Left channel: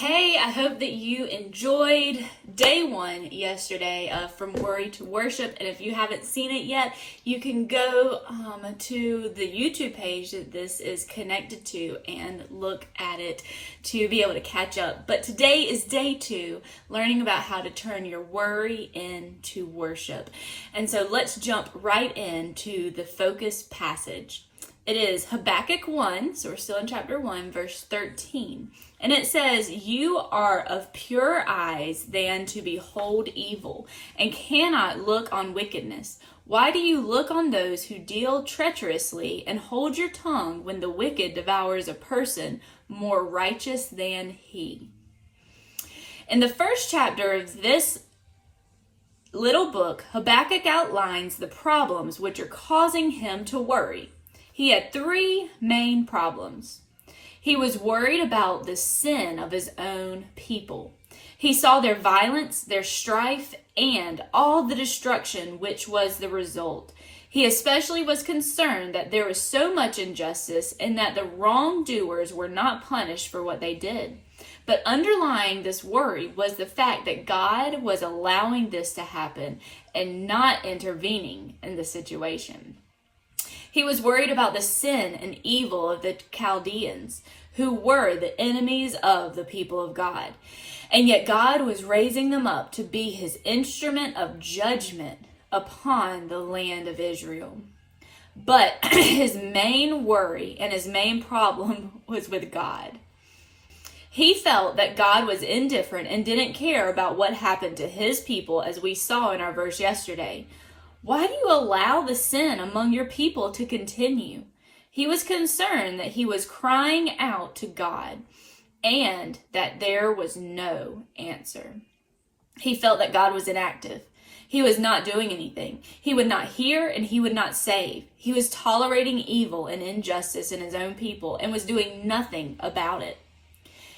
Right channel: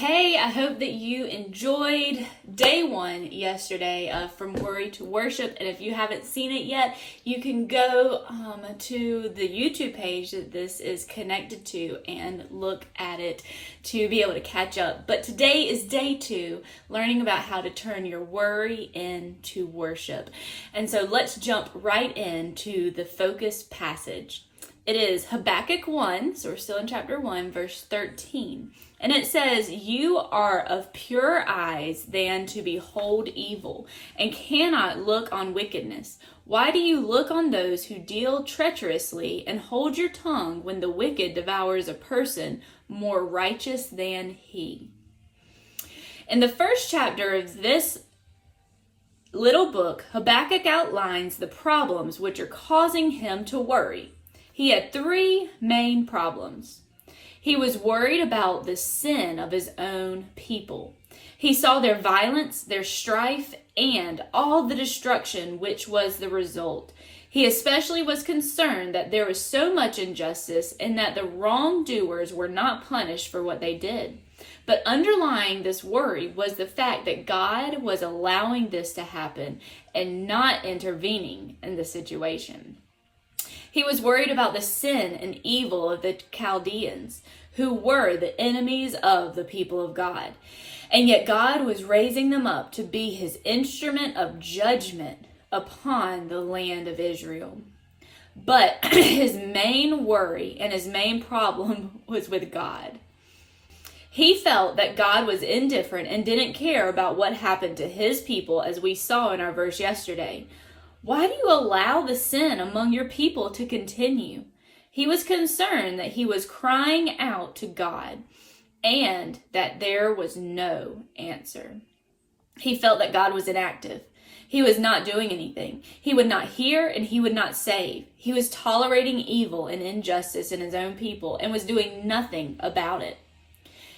Hey, I hope that you enjoyed day one yesterday of From Worry to Worship. And if you haven't seen it yet, you can go to the YouTube page that this is connected to and look at it to be able to catch up. But today is day two, learning about how to turn your worry into worship. And so let's jump right into the focus passage. It is Habakkuk 1, so we're still in chapter 1, verse 13. And it says, "You are of purer eyes than to behold evil, and cannot look on wickedness. Why do you look on those who deal treacherously, and hold your tongue when the wicked devours a person more righteous than he?" In the first chapter of this little book, Habakkuk outlines the problems which are causing him to worry. He had three main problems. He was worried about the sin of his own people. He saw their violence, their strife, and all the destruction which was the result. He especially was concerned that there was so much injustice and that the wrongdoers were not punished for what they did. But underlying this worry was the fact that God was allowing this to happen and not intervening in the situation. He was worried about the sin and evil of the Chaldeans, who were the enemies of the people of God. And yet God was raising them up to be his instrument of judgment upon the land of Israel. But his main worry and his main problem was with God. He felt that God was indifferent and didn't care about what happened to his people, as we saw in our verse yesterday. Why do you allow the sin among your people to continue? He was concerned that he was crying out to God and that there was no answer. He felt that God was inactive. He was not doing anything. He would not hear and he would not save. He was tolerating evil and injustice in his own people and was doing nothing about it.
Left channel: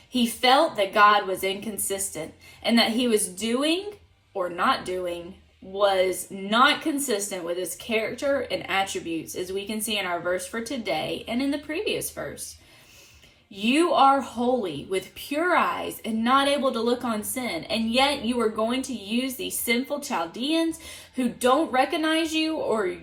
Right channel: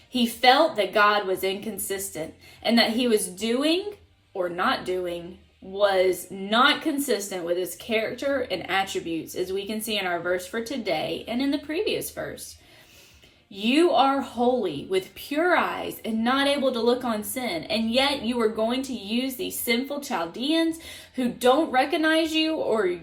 He felt that God was inconsistent and that he was doing or not doing was not consistent with his character and attributes, as we can see in our verse for today and in the previous verse. You are holy with pure eyes and not able to look on sin, and yet you are going to use these sinful Chaldeans who don't recognize you or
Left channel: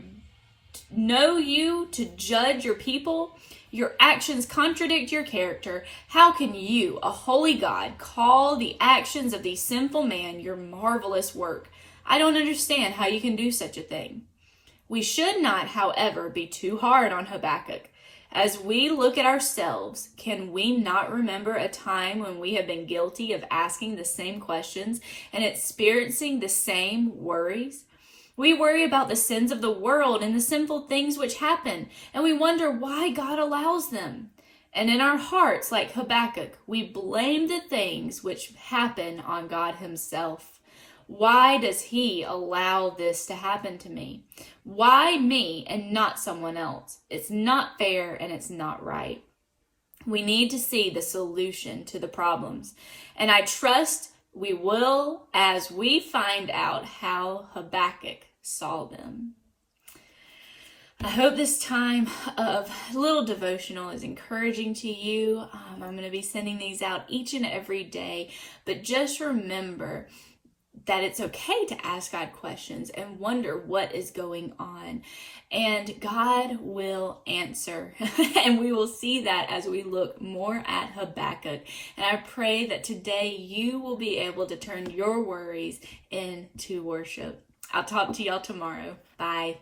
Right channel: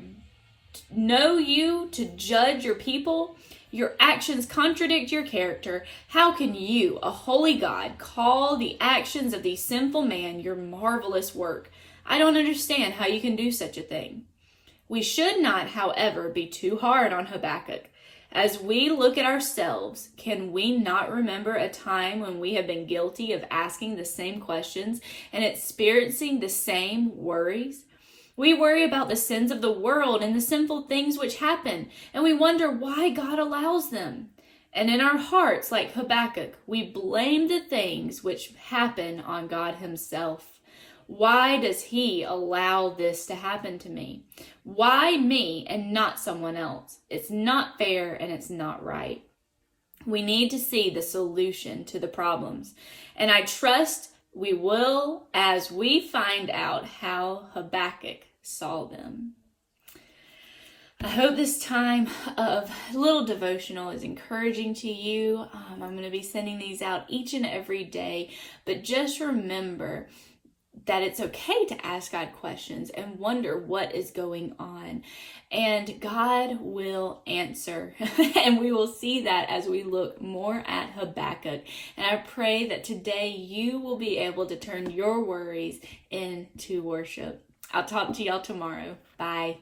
know you to judge your people. Your actions contradict your character. How can you, a holy God, call the actions of these sinful men your marvelous work? I don't understand how you can do such a thing. We should not, however, be too hard on Habakkuk. As we look at ourselves, can we not remember a time when we have been guilty of asking the same questions and experiencing the same worries? We worry about the sins of the world and the sinful things which happen, and we wonder why God allows them. And in our hearts, like Habakkuk, we blame the things which happen on God himself. Why does he allow this to happen to me? Why me and not someone else? It's not fair and it's not right. We need to see the solution to the problems. And I trust we will as we find out how Habakkuk saw them. I hope this time of little devotional is encouraging to you. I'm going to be sending these out each and every day. But just remember that it's okay to ask God questions and wonder what is going on. And God will answer. And we will see that as we look more at Habakkuk. And I pray that today you will be able to turn your worries into worship. I'll talk to y'all tomorrow. Bye.